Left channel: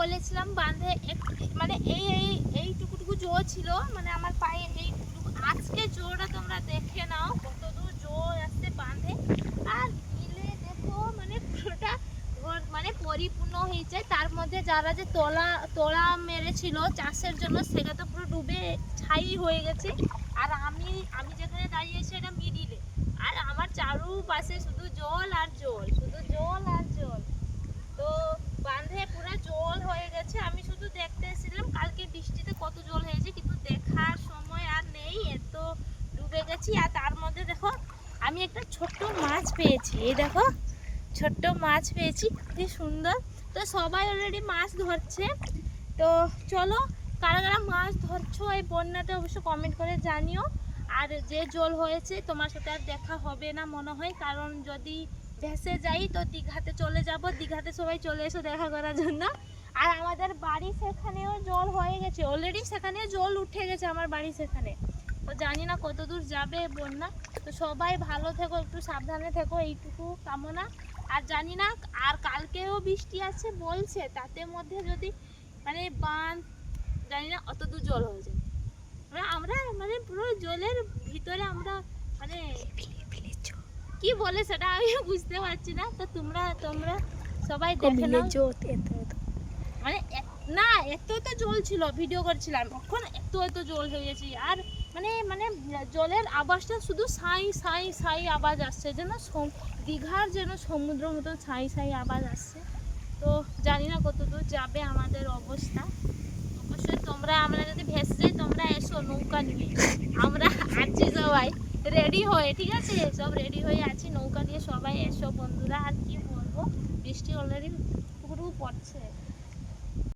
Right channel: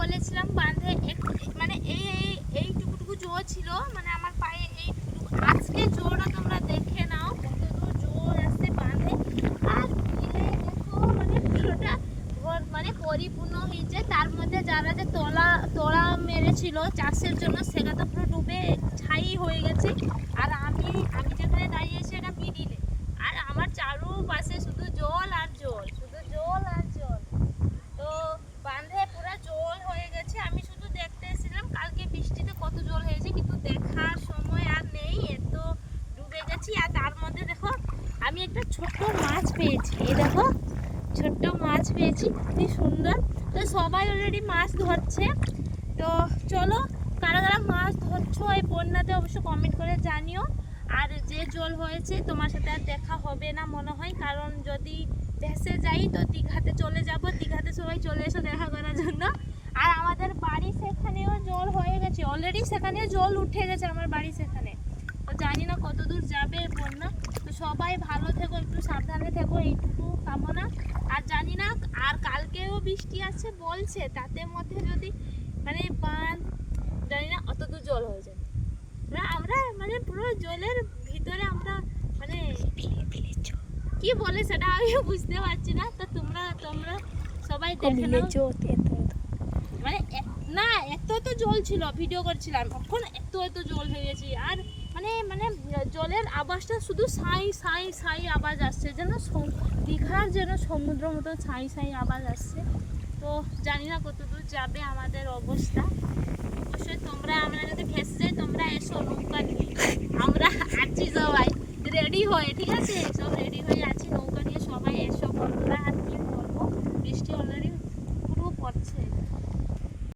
বলেছিলাম বাঁধে মানে এইটুকু জোর ছিল, মানে আমার পায়ে এইটুকু। আজকে জোরটা তোমরা দেখে নাও কতদূর জোর আসছে বাঁধে। আর বিলে দেখো মানে পুরোটা মানে পরিপূর্ণ হয়ে যায়। তার মধ্যে যারা যে তোলা মেরেছিল চাষের জন্য সেটা তো পুরো ডুবে ছাই হয়ে গেছে। আর আমি যেখানে দাঁড়িয়েছি এটা মিডিলে, আর আমার চারুপাশে শুধু জল আর জল, শুধু জল আর জল। তো বাঁধে পুরো জল হয়ে গেছে। আমি শুধু দেখতে এসেছিলাম কালকে বৃষ্টিতে কত জল হয়েছে, কিন্তু দেখার সময় আর নেই, এত ডুবে গেছি। আর তার মধ্যে দেখো আমি একটা ছোট্ট মাছ পেয়েছি, এই দেখো ছোট্ট মাছ পেয়েছি, কি সুন্দর। তো সবাই অলরেডি মাছ ধরছে। তো চলো, কারা কারা মাছ ধরছো এই বন্যাতে অবশ্য কমেন্ট করে জানিও। আর যে জল হয়েছে তোমার সাথে আর দেখা হবে না মনে হয়, কারণ যদি ভেসে যাই তো দীঘাতে চলে যাব। দীঘাতে সবাই চলে এসো দেখা করার জন্য। আর আমাদের বাড়ি সেখানেও জল হয়ে গেছে অলরেডি, সেখানে জল উঠে গেছে আমার বাড়ি সেখানে। তো জানি না কত দূর যাবে বন্যা। তো সবাই ভালো থেকো, একটু সাবধানে থেকো, এইটুকু কামনা। আর জানি না, আর কালকেও বৃষ্টি আছে বলছে, তাতে মধ্যে যদি মানে বাঁধ জানি না অত দূর জল হয়ে যায়, আমরা মানে পুরো জলের ভিতরে আমরা মানে কি বলে সেটা আমি বুঝতে পারছি না। তো তোমরা সবাই দেখে নাও। মানে না এত জল ছিল, ভিডিও করছিলাম তখন এত জল হয়ে গেছে। আর মানে মানে জলের আওয়াজটা শুধু সাই সাই সাই আওয়াজ আসছে, যেন দীঘার যেন সমুদ্র মতো সাই সাই আওয়াজ আসছে। তো জানি না কত দূর যাবে আমাদের অবস্থা। অবশ্যই তোমরা, আমরা যদি ভেসে যাই তোমরা এসো নৌকা নিয়ে, আমরা আছি সবাই রেডি হয়ে, ঠিক আছে? সব রেডি হয়ে আছি, নৌকা নিয়ে সবাই এসো বন্ধুরা। আর কি বলবো, বৃষ্টি অলরেডি পুরো পড়ছে।